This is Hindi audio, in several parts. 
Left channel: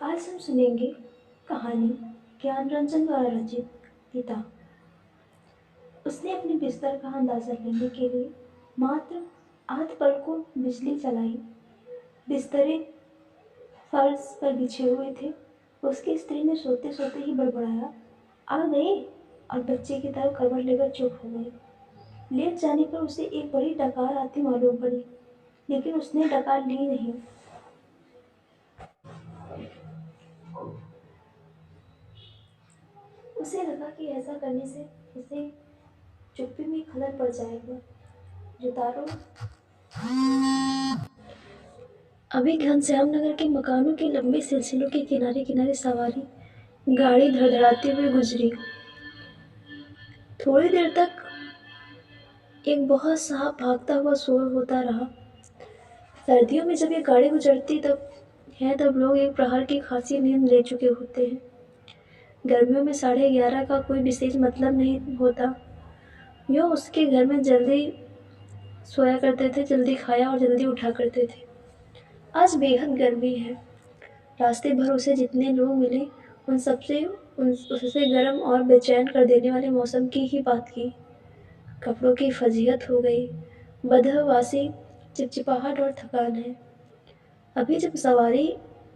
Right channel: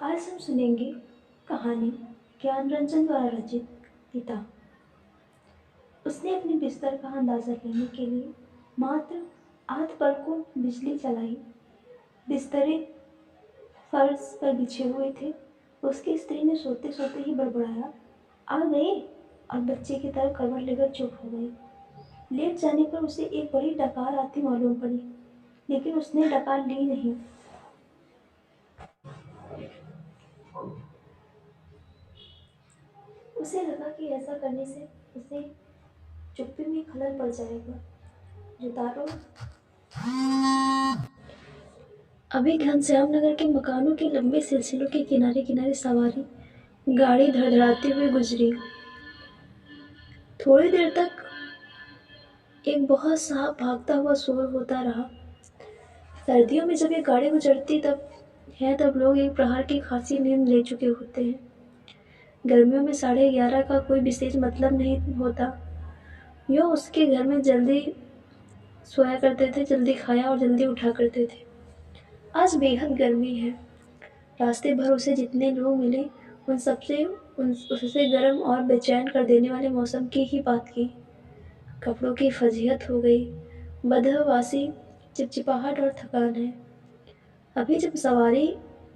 आज हम सुनेंगे कहानी ज्ञान रंजन द्वारा रचित पिता। उसने अपने बिस्तर का अंदाजा लेने के लिए मात्र आध पल को बिजली जलाई। बिस्तरे फर्श पर बिछे हुए थे। उसकी स्त्री ने सोते सोते ही बड़बड़ाया, आ गए, और बच्चे की तरफ करवट लेकर चुप हो गई। लेट जाने पर उसे एक बड़ी डकार आती मालूम पड़ी, लेकिन उसने डकार ली नहीं। उसे लगा कि ऐसा करने से उसे चुप्पी में खलल पड़ जाएगा। जुतारों अभी घनश्याम नगर के मकानों के लंबे सिलसिलों के किनारे किनारे सवारी गाड़ी धड़धड़ाती हुई गुजरी। थोड़ी देर तक एक बहुत साफ भागता हुआ शोर होता रहा। सर्दियों में जब ये गाड़ी गुजरती तब लोग एक प्रहर की खासी नींद ले चुके होते हैं। गर्मियों में 11:30 का कोई विशेष मतलब नहीं होता। यो उसके घर में जल्दी सोया करते थे, जल्दी खाया और जल्दी उठा करते थे। आज बेहद गर्मी है। रास्ते भर उसे जितने लोग मिले उससे गर्म और बेचैन कर देने वाले मौसम की ही बात की। कपड़ों की फजीहत हो गई, बदहवासी, चिपचिपाहट और थकान है। अभी जब सवारी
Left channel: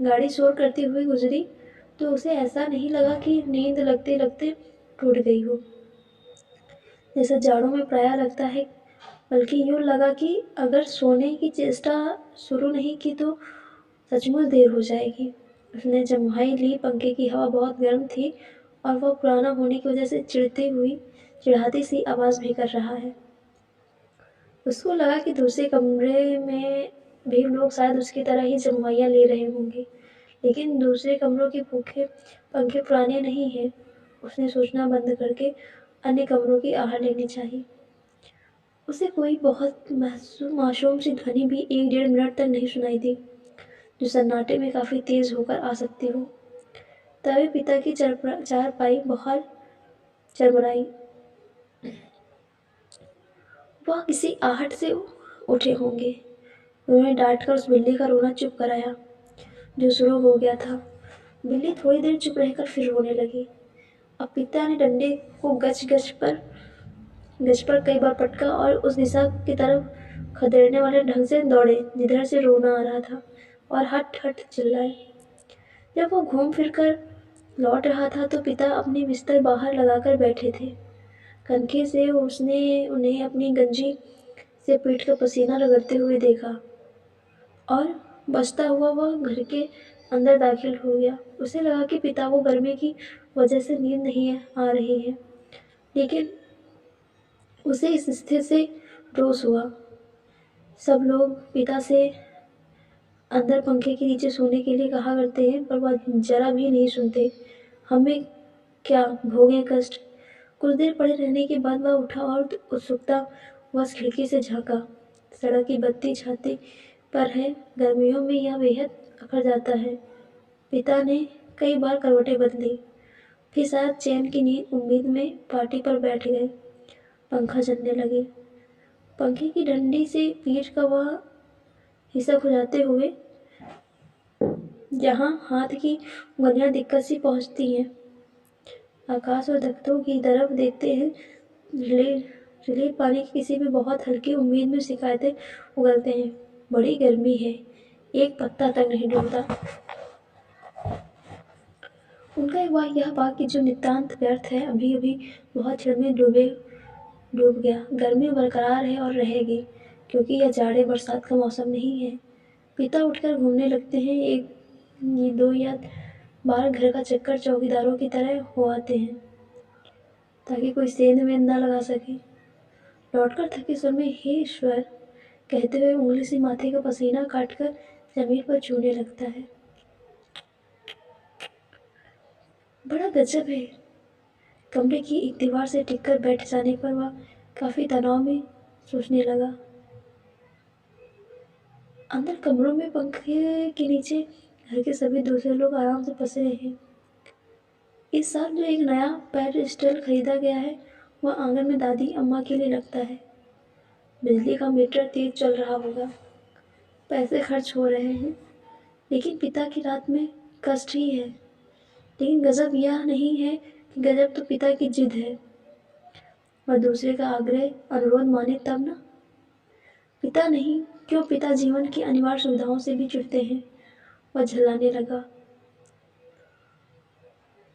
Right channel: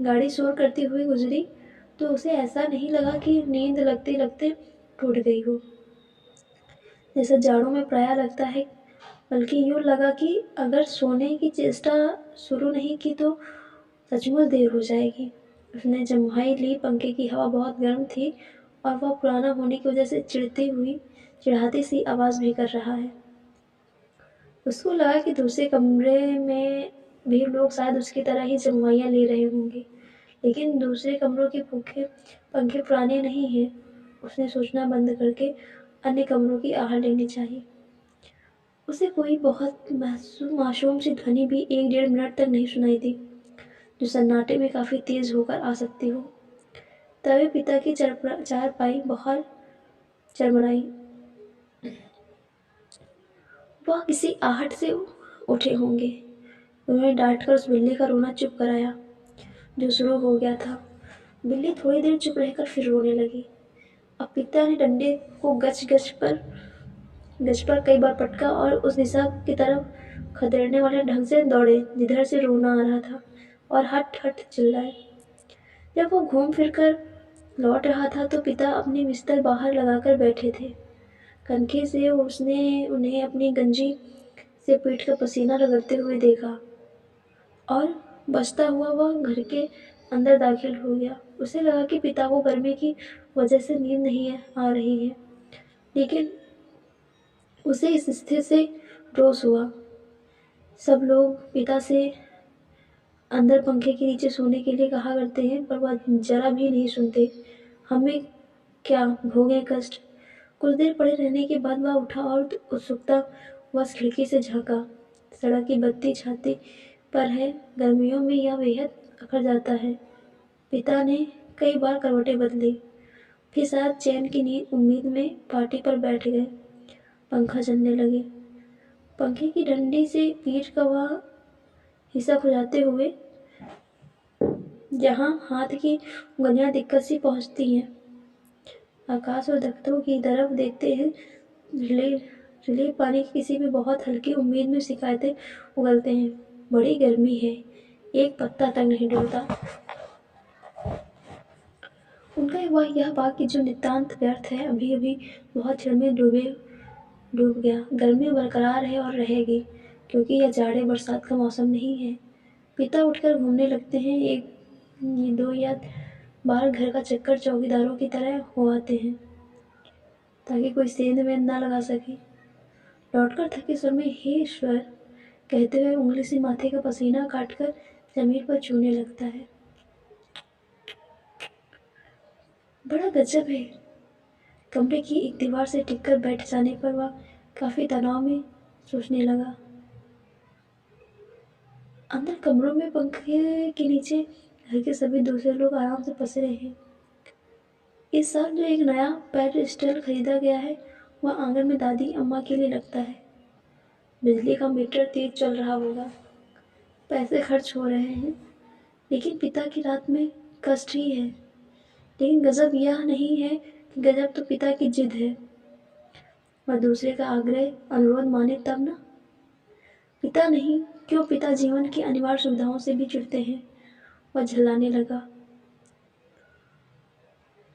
गाड़ी शोर करती हुई गुजरी तो उसे ऐसा नहीं लगा कि नींद लगते लगते टूट गई हो, जैसा जाड़ों में प्रायः लगता है, बल्कि यूँ लगा कि अगर सोने की चेष्टा शुरू नहीं की तो सचमुच देर हो जाएगी। उसने जम्हाई ली। पंखे की हवा बहुत गर्म थी और वह पुराना होने की वजह से चिढ़ाती सी आवाज़ भी कर रहा है। उसको लगा कि दूसरे कमरे में भी लोग शायद उसकी तरह ही जम्हाइयाँ ले रहे होंगे, लेकिन दूसरे कमरों के पंखे पुराने नहीं हैं। उसने सोचना बंद करके अन्य कमरों की आहट लेनी चाहिए। उसे कोई बहुत मासूम सी ध्वनि भी 1-1.5 मिनट तक नहीं सुनाई दी, जो सन्नाटे में काफ़ी तेज होकर आ सकती हो। तभी पिता की चारपाई बाहर चरमराई। वह किसी आहट से उठे होंगे। उन्होंने डांटकर उस बिल्ली का रोना चुप कराया, जो शुरू हो गया था। बिल्ली थोड़ी देर चुप रहकर फिर रोने लगी। अब पिता ने डंडे को गज पर कई बार पटका और उस दिशा की तरफ खदेड़ने वाले ढंग से दौड़े जिधर से रोना आ रहा था, और हट हट चिल्लाए। जब वो घूम फिर कर लौट रहा था तो पिता अपनी बिस्तर बाहर लगाकर बैठे थे। कनखी से उसने उन्हें अपनी गंजी से पीठ का पसीना रगड़ते हुए देखा और बचता हुआ वह घर के अंदर दाखिल हो गया। उसे लगा कि पिता को गर्मी की वजह से नींद नहीं आ रही है, लेकिन उसे इस स्थिति से रोष हुआ। सब लोग पिता से अंदर पंखे के नीचे सोने के लिए कहा करते हैं, पर वह जरा भी नहीं सुनते। हमें क्या भोगें कष्ट। कुछ देर पड़े रहने के बाद वह उठा और उत्सुकता वह खिड़की से झांका। सड़क की बत्ती छाती पर है। गर्मियों में यह बेहद अखर जाता है। पिता ने कई बार करवटें बदली, फिर शायद चैन की नींद उम्मीद में पार्टी पर बैठ गए। पंखा चलने लगे। पंखे की डंडी से पीठ का वह हिस्सा खुजाते हुए जहाँ हाथ की उंगलियां दिक्कत से पहुँचती हैं। आकाश और दख्तों की तरफ देखते हैं। रिलीफ पाने की किसी भी बहुत हल्की उम्मीद में शिकायतें उगलते हैं। बड़ी गर्मी है, एक पत्ता तक नहीं डुलता। उनका यह वाक्य जो नितांत व्यर्थ है, अभी अभी बहुत क्षण में डूब गया। गर्मी बरकरार है और रहेगी, क्योंकि यह जाड़े बरसात का मौसम नहीं है। पिता उठकर घूमने लगते हैं। 1-2 या बार घर का चक्कर चौकीदारों की तरह हो आते हैं, ताकि कोई सेंध वेंध ना लगा सके। लौटकर थके स्वर में हे ईश्वर कहते हुए उंगली से माथे का पसीना काटकर जमीन पर छूने लगता है। बड़ा गजब है। कमरे की एक दीवार से टिककर बैठ जाने पर वह काफी तनाव में सोचने लगा। अंदर कमरों में पंखे के नीचे घर के सभी दूसरे लोग आराम से पसरे हैं। इस साल जो एक नया पेडस्टल खरीदा गया है, वह आंगन में दादी अम्मा के लिए लगता है। बिजली का मीटर तेज चल रहा होगा, पैसे खर्च हो रहे हैं, लेकिन पिता की रात में कष्ट ही है, लेकिन गजब यह नहीं है कि गजब तो पिता की जिद है। वह दूसरे का आग्रह अनुरोध माने तब ना। पिता नहीं, क्यों पिता जीवन की अनिवार्य सुविधाओं से भी चिढ़ते हैं। वह झल्लाने लगा।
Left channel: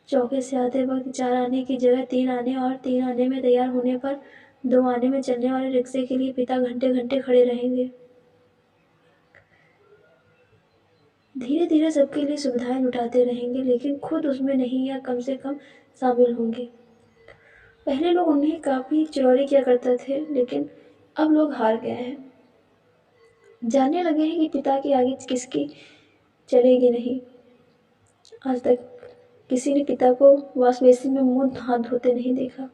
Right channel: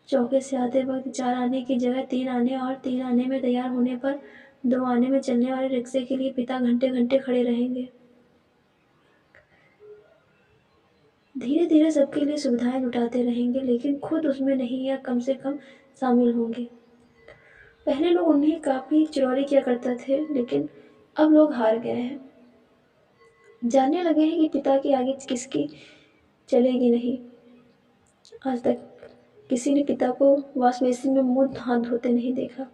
चौके से आते वक्त 4 आने की जगह 3 आने और 3 आने में तैयार होने पर 2 आने में चलने वाले रिक्शे के लिए पिता घंटे घंटे खड़े रहेंगे। धीरे धीरे सबके लिए सुविधाएं जुटाते रहेंगे, लेकिन खुद उसमें नहीं या कम से कम शामिल होंगे। पहले लोग उन्हें काफ़ी चिरौरी किया करते थे, लेकिन अब लोग हार गए हैं। जानने लगे हैं कि पिता के आगे किसकी चलेगी नहीं। आज तक किसी ने पिता को वॉश बेसिन में मुंह हाथ धोते नहीं देखा।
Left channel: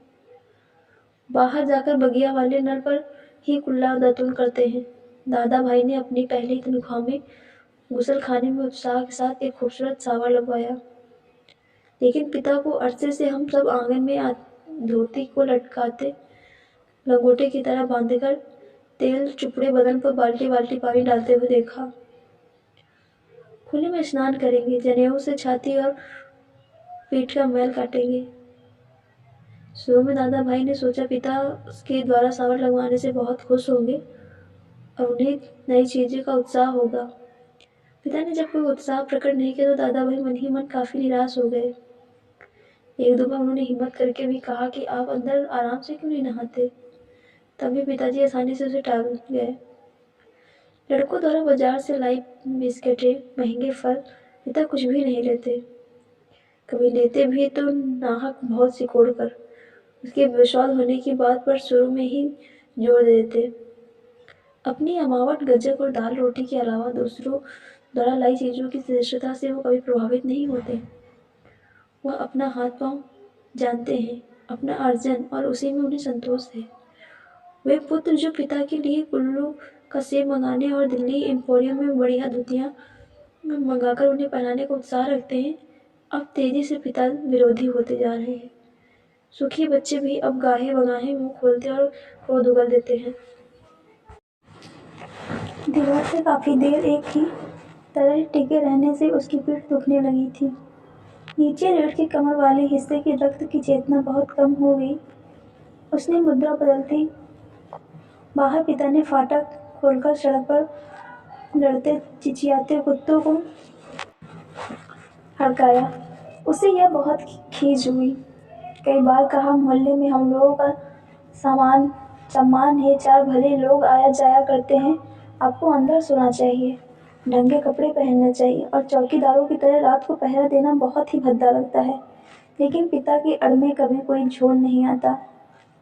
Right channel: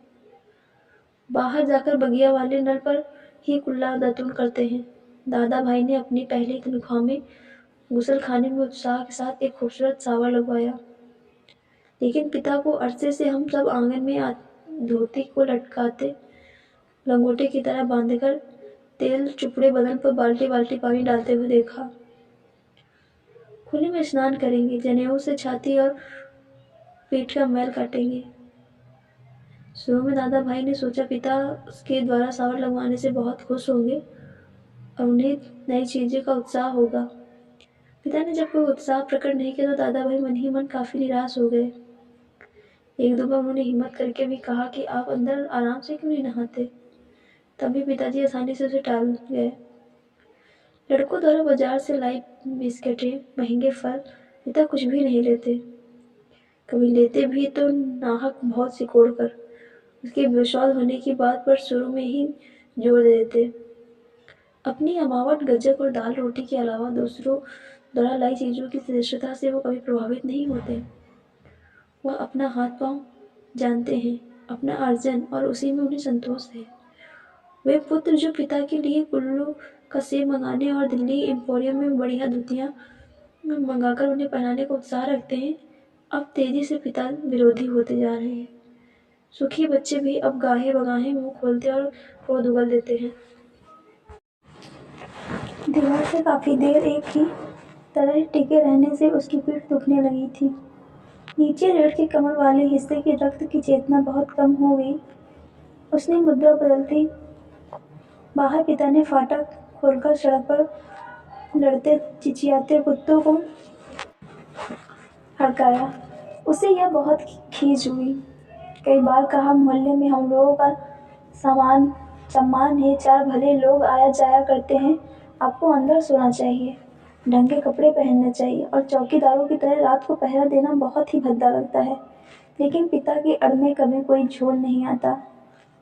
बाहर जाकर बगिया वाले नल पर ही कुल्ला दातुन करते हैं। दादा भाई ने अपनी पहली तनख्वाह में गुसल खाने में उत्साह के साथ एक खूबसूरत शावर लगवाया, लेकिन पिता को अरसे से हम सब आंगन में धोती को लटकाते लंगोटे की तरह बांधकर तेल चुपड़े बदन पर बाल्टी बाल्टी पानी डालते हुए देखा। खुले में स्नान करेंगे, जनेऊ से छाती और पीठ का मैल काटेंगे। शुरू में दादा भाई ने सोचा पिता के द्वारा शावर लगवाने से बहुत खुश होंगे और उन्हें नई चीज़ों का उत्साह होगा। पिता ने जब कोई उत्साह प्रकट नहीं किया तो दादा भाई मन ही मन काफ़ी निराश हो गए। एक दो बार उन्होंने हिम्मत करके भी कहा कि आप अंदर आराम से क्यों नहीं नहाते। तब भी पिताजी आसानी से उसे टाल गए। लड़कों द्वारा बाजार से लाई बिस्किटें, महंगे फल, पिता कुछ भी नहीं लेते। कभी लेते भी तो नाहक बहुत सिकोड़ कर उसके बेसौध होने की बात पर शुरू में ही जोर दे देते। अपनी अमावट गज्जक और दाल रोटी के अलावा दूसरों द्वारा लाई चीज़ों की श्रेष्ठता से वो कभी प्रभावित नहीं होते। वह अपना हाथ पांव जानते हैं, अपना अर्जन, और उसी में उन्हें संतोष है। वे पुत्र जो पिता के लिए कुल्लू का सेब मंगाने और दिल्ली एम्पोरियम में बढ़िया धोतियाँ मंगाकर उन्हें पहनाने का उत्साह रखते हैं, अब तेजी से पिता विरोधी होते जा रहे हैं। सुखी बच्चे भी अब गाहे बगाहे मुंह खोलते और क्रोध उगल देते हैं। दीवार से काफ़ी देर एक ही तरह टिके रहने से उसकी पीठ दुखने लगी थी। नीचे रीढ़ के कमर वाले हिस्से की रक्त की चेतना बहुत कम हो गई। उसने मुद्रा बदलती बाहर पिता ने फाटक खोलकर सड़क पर लड़ते चिचियाते कुत्तों को हड़काया। उसे यह बहुत खीज हुई। कई बार कहा, मोहल्ले में हम लोगों का सम्मान है, 4 भले लोग आया जाया करते हैं, आपको अंदर सोना चाहिए, ढंग के कपड़े पहनने चाहिए और चौकीदारों की तरह रात को पहरा देना बहुत ही भद्दा लगता है। लेकिन पिता की अड़ में कभी कोई झोल नहीं आता।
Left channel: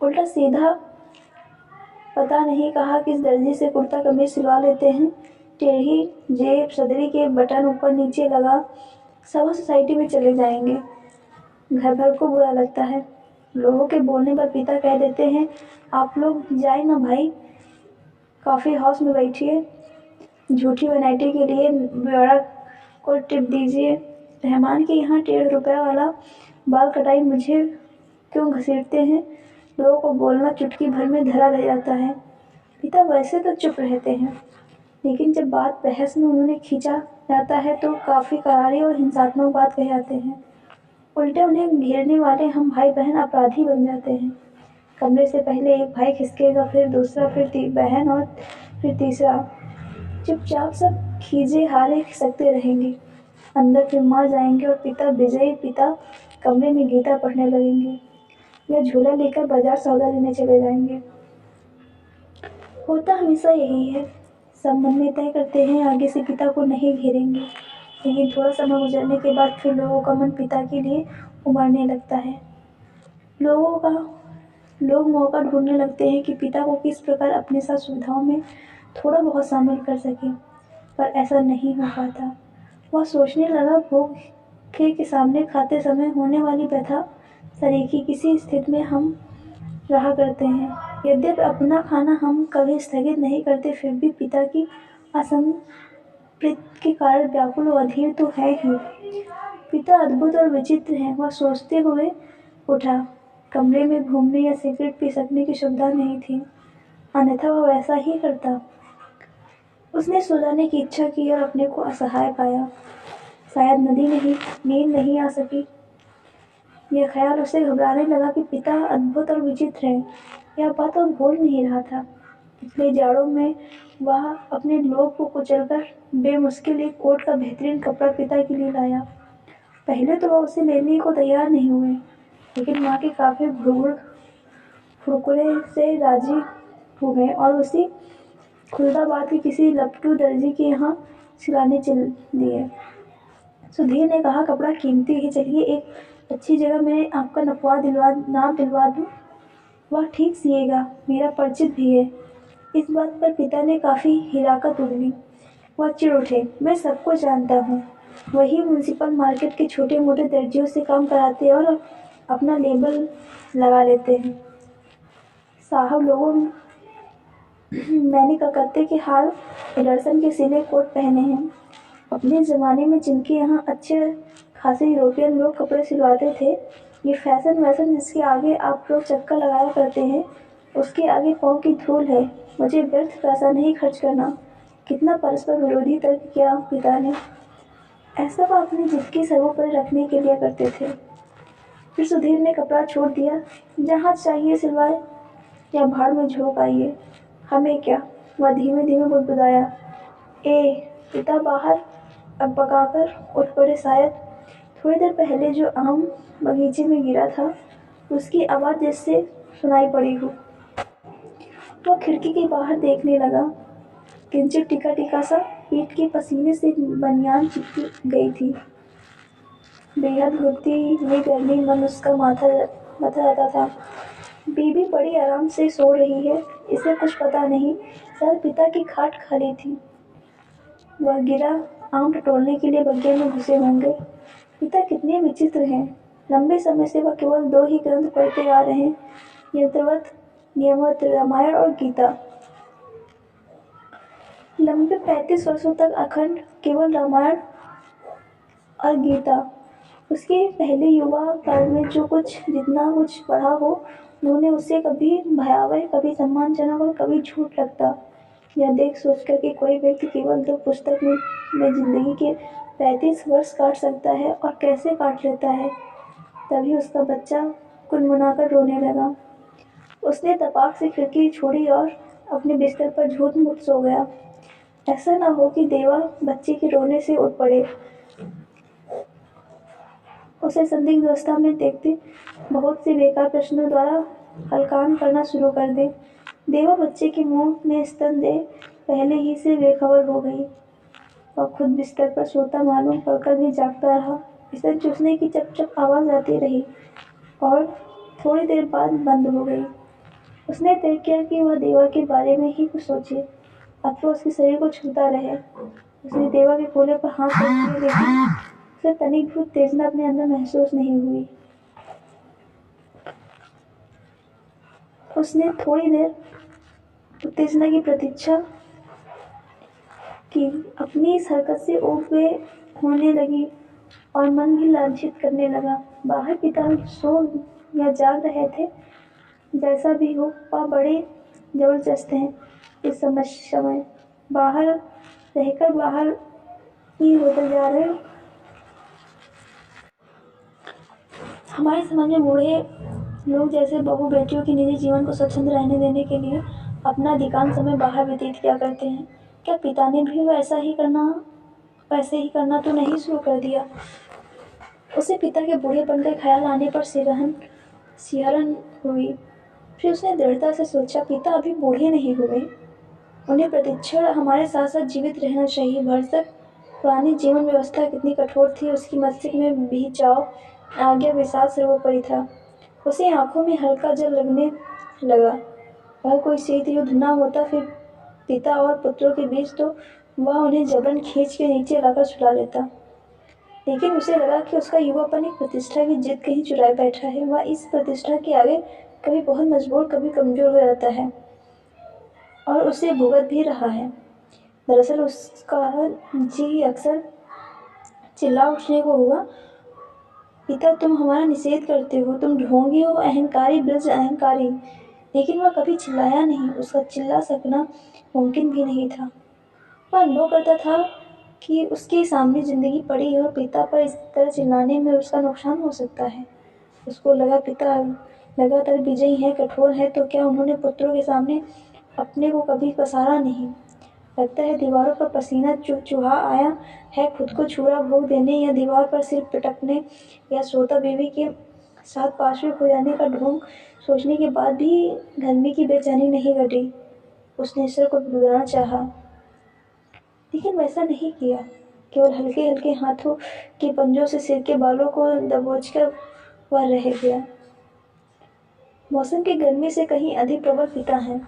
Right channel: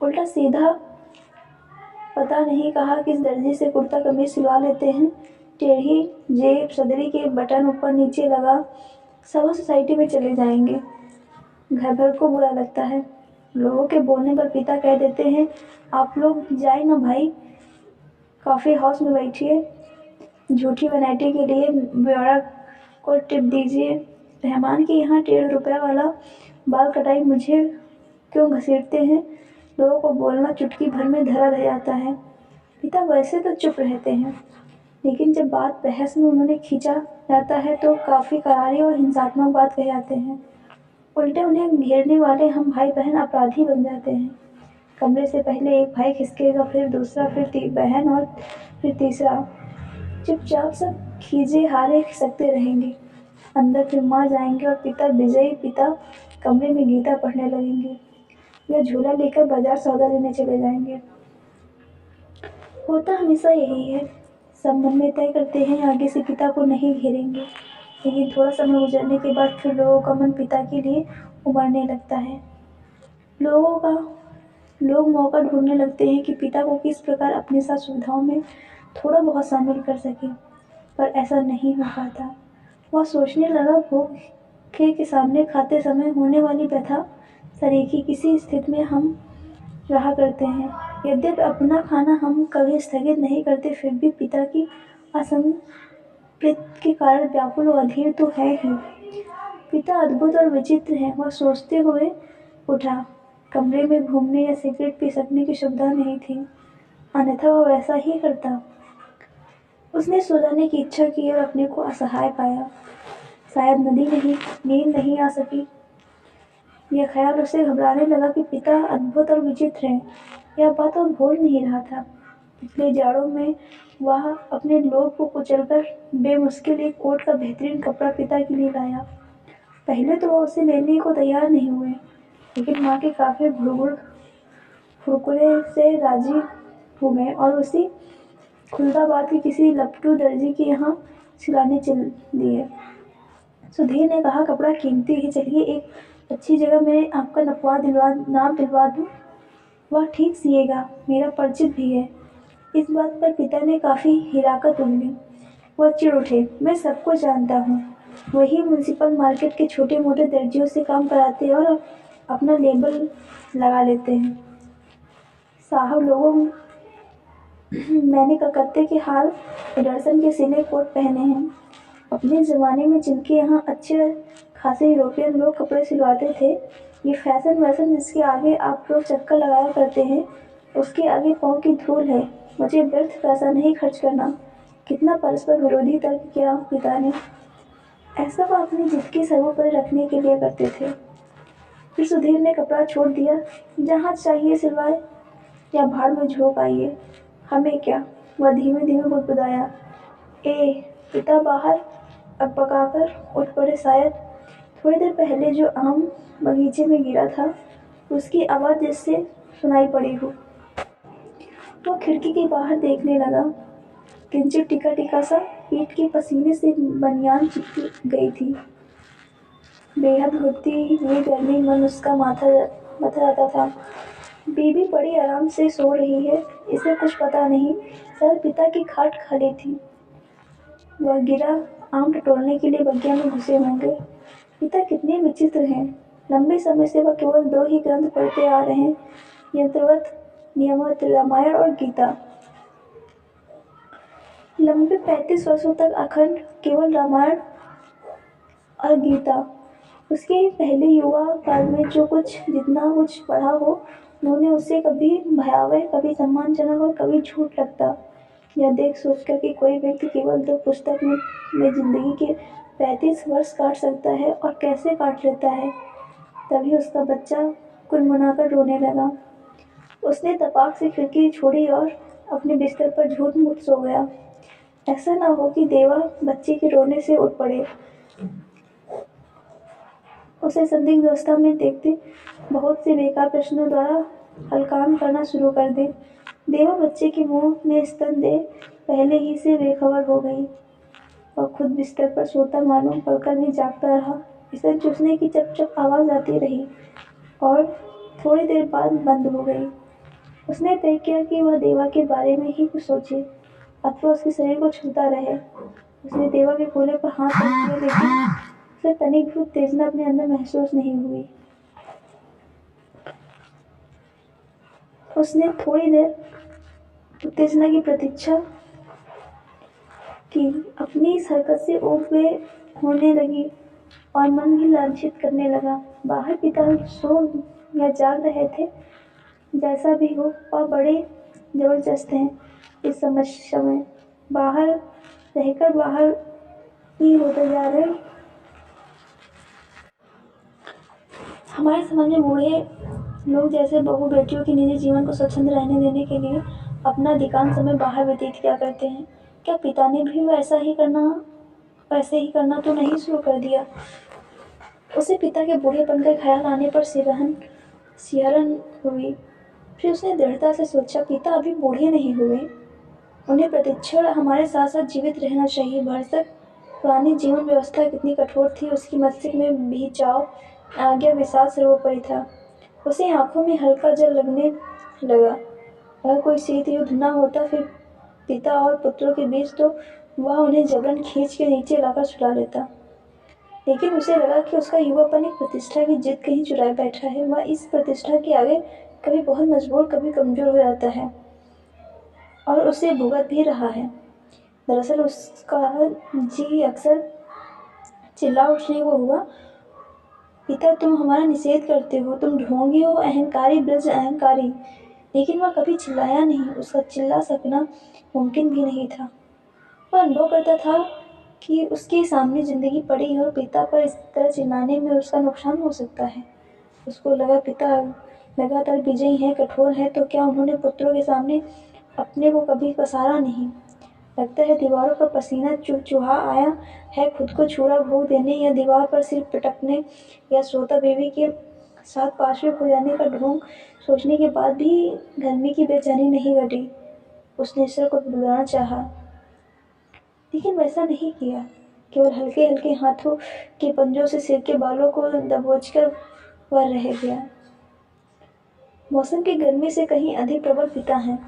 उल्टा सीधा पता नहीं कहा किस दर्जी से कुर्ता कमीज सिलवा लेते हैं। टेढ़ी जेब, सदरी के बटन ऊपर नीचे लगा, सभा सोसाइटी में चले जाएंगे। घर भर को बुरा लगता है। लोगों के बोलने पर पिता कह देते हैं, आप लोग जाए ना भाई, कॉफ़ी हाउस में बैठिए, झूठी वैनिटी के लिए ब्योरा को टिप दीजिए। रहमान के यहाँ 1.5 रुपया वाला बाल कटाई मुझे क्यों घसीटते हैं। लोगों को बोलना चुटकी भर में धरा रह जाता है। पिता वैसे तो चुप रहते हैं, लेकिन जब बात बहस में उन्होंने खींचा जाता है तो काफ़ी करारी और हिंसात्मक बात कह जाते हैं। उल्टे उन्हें घेरने वाले हम भाई बहन अपराधी बन जाते हैं। कमरे से पहले एक भाई खिसकेगा, फिर दूसरा, फिर बहन और फिर तीसरा। चुपचाप सब खींचे हारे खिसकते रहेंगे। अंदर फिर माँ जाएंगे और पिता विजयी पिता कमरे में गीता पढ़ने लगेंगे या झोला लेकर बाजार सौदा लेने चले जाएंगे। होता हमेशा यही है। सब मन में तय करते हैं आगे से पिता को नहीं घेरेंगे, लेकिन थोड़ा समय गुजरने के बाद फिर लोगों का मन पिता के लिए उमड़ने लगता है। लोग मौका ढूंढने लगते हैं कि पिता को किस प्रकार अपने साथ सुविधाओं में थोड़ा बहुत शामिल कर सकें, पर ऐसा नहीं हो पाता। वह सोचने लगा, भूखे के सामने खाते समय होने वाली व्यथा सरीखी किसी स्थिति में हम रहा करते हैं। यद्यपि अपना खाना हम कभी स्थगित नहीं करते, फिर भी पिता की असंतृप्ति के कारण व्याकुल और अधीर तो है ही। पिता अद्भुत और विचित्र हैं, वह सोचते हुए उठा। कमरे में घूमने या सिगरेट पी सकने की सुविधा नहीं थी, अन्यथा वह वैसा ही करता। उसने सो जाने की इच्छा की और अपने को असहाय पाया। शायद नींद नहीं आ सकी। यह ख्याल उसे घबराने लगा कि पिता अद्भुत और विचित्र हैं। यह बात वह भूल नहीं रहा था। पिछले जाड़ों में वह अपने लोभ को कुचलकर बेमुश्किल एक कोट का बेहतरीन कपड़ा पिता के लिए लाया। पहले तो वह उसे लेने को तैयार नहीं हुए, लेकिन माँ के काफी घुड़घुड़ फुरकुरे से राजी हो गए और उसी खुलदाबाद के किसी लपटू दर्जी के यहाँ सिलाने चल दिए। सुधीर ने कहा, कपड़ा कीमती है, चलिए एक अच्छी जगह मैं आपका नाप दिलवा दूँ। वह ठीक सिएगा, मेरा परिचित भी है। इस बात पर पिता ने काफ़ी हिराकत उगली। वह चिढ़ उठे, मैं सबको जानता हूँ, वही म्यूनसिपल मार्केट के छोटे मोटे दर्जियों से काम कराते हैं और अपना लेबल लगा लेते हैं। साहब लोगों मैंने कलकत्ते के हाल एडरसन के सिले कोट पहने हैं। अपने ज़माने में जिनके यहाँ अच्छे खासे यूरोपियन लोग कपड़े सिलवाते थे, ये फैशन वैसन जिसके आगे आप लोग चक्कर लगाया करते हैं, उसके आगे पाँव की धूल है। मुझे व्यर्थ पैसा नहीं खर्च करना। कितना परस्पर विरोधी तर्क किया पिता ने। ऐसा वह अपनी जिद की सर्वोपरि रखने के लिए करते थे। फिर सुधीर ने कपड़ा छोड़ दिया। जहाँ चाहिए सिलवाए या भाड़ में झोंक आइए, हमें क्या। वह धीमे धीमे बुदबुदाया। पिता बाहर अकबकाकर उठ पड़े। शायद थोड़ी देर पहले जो आम बगीचे में गिरा था, उसकी आवाज़ जिससे सुनाई पड़ी हो। वह खिड़की के बाहर देखने लगा। किंचित टिका सा पीठ के पसीने से बनियान चिपक गई थी। बेहद घुटती हुई गर्मी मन उसका माथा जाता था। बीबी बड़ी आराम से सो रही है, इसे कुछ पता नहीं। शायद पिता की खाट खाली थी। वह गिरा आम टटोलने के लिए बगिया में घुसे होंगे। पिता कितने विचित्र हैं। लंबे समय से वह केवल 2 ही ग्रंथ पढ़ते आ रहे हैं, यंत्रवत नियमित रामायण और गीता। लंबे 35 वर्षों तक अखंड केवल रामायण और गीता। उसके पहले युवा काल में जितना कुछ पढ़ा हो, उन्होंने उसे कभी भयावह, कभी सम्मानजनक और कभी झूठ लगता। यह देख सोचकर कि कोई व्यक्ति केवल 2 पुस्तक में जिंदगी के 35 वर्ष काट सकता है और कैसे काट लेता है, तभी उसका बच्चा कुनमुनाकर रोने लगा। उसने तपाक से खिड़की छोड़ी और अपने बिस्तर पर झूठ-मूठ सो गया। ऐसा न हो कि देवा बच्चे के रोने से उठ पड़े। उसे संदिग्ध अवस्था में देखते बहुत से बेकार प्रश्नों द्वारा हलकान करना शुरू कर दे। देवा बच्चे के मुंह में स्तन दे पहले ही से बेखबर हो गई। वह खुद बिस्तर पर सोता मालूम पड़कर भी जागता रहा। स्तन चूसने की चप चप आवाज़ आती रही और थोड़ी देर बाद बंद हो गई। उसने तय किया कि वह देवा के बारे में ही कुछ सोचे अथवा उसके शरीर को छूता रहे। उसने देवा के कोले पर हाथ रख दिया, लेकिन उसे तनिक भी उत्तेजना अपने अंदर महसूस नहीं हुई। उसने थोड़ी देर उत्तेजना की प्रतीक्षा की। अपनी इस हरकत से ऊब वे होने लगी और मन भी लांछित करने लगा। बाहर पिता सो या जाग रहे थे, जैसा भी हो वह बड़े जबरदस्त हैं। इस समय बाहर रहकर बाहर ही होते जा रहे। हमारे समाज में बूढ़े लोग जैसे बहू बेटियों के निजी जीवन को स्वच्छंद रहने देने के लिए अपना अधिकांश समय बाहर व्यतीत किया करते हैं। क्या पिता ने भी वैसे ही करना तो नहीं शुरू कर दिया? उसे पिता के बूढ़ेपन का ख्याल आने पर सिहरन हुई। फिर उसने दृढ़ता से सोचा, पिता अभी बूढ़े नहीं हुए, उन्हें प्रतिक्षण हमारे साथ साथ जीवित रहना चाहिए। भरसक पुरानी जीवन व्यवस्था कितनी कठोर थी, उसकी मस्तिष्क में भी चाव, आज्ञा, विषाद सर्वोपरि था। उसे आंखों में हल्का जल लगने लगा। अगर कोई शीत युद्ध न होता फिर पिता और पुत्रों के बीच, तो वह उन्हें जबरन खींच के नीचे लाकर सुला लेता। लेकिन उसे लगा कि उसका युवापन एक प्रतिष्ठा की जिद कहीं चुराए बैठा है। वह इस प्रतिष्ठा के आगे कभी बहुत मजबूर, कभी कमजोर हो जाता है और उसे भुगत भी रहा है। दरअसल उसका जी अक्सर चिल्ला उठने को हुआ, पिता तुम हमारा निषेध करते हो, तुम ढोंगी हो, अहंकारी, ब्रज अहंकारी। लेकिन वह कभी चिल्लाया नहीं। उसका चिल्ला सकना मुमकिन भी नहीं था। वह अनुभव करता था कि उसके सामने ज़िंदगी पड़ी है और पिता पर इस तरह चिल्लाने में उसका नुकसान हो सकता है। उसको लगा पिता लगातार विजयी हैं, कठोर हैं, तो क्या उन्होंने पुत्रों के सामने अपने को कभी पसारा नहीं? लगता है दीवारों पर पसीना चुहा आया है खुद को छुरा भोग देने, या दीवार पर सिर पटकने, या श्रोता बेबी के साथ पार्श्व हो जाने का ढोंग सोचने के बाद भी गर्मी की बेचैनी नहीं घटी। उसने सिर को बुलाना चाहा, लेकिन वैसा नहीं किया। केवल हल्के हल्के हाथों के पंजों से सिर के बालों को दबोचकर वह रह गया। मौसम की गर्मी से कहीं अधिक प्रबल पिता हैं।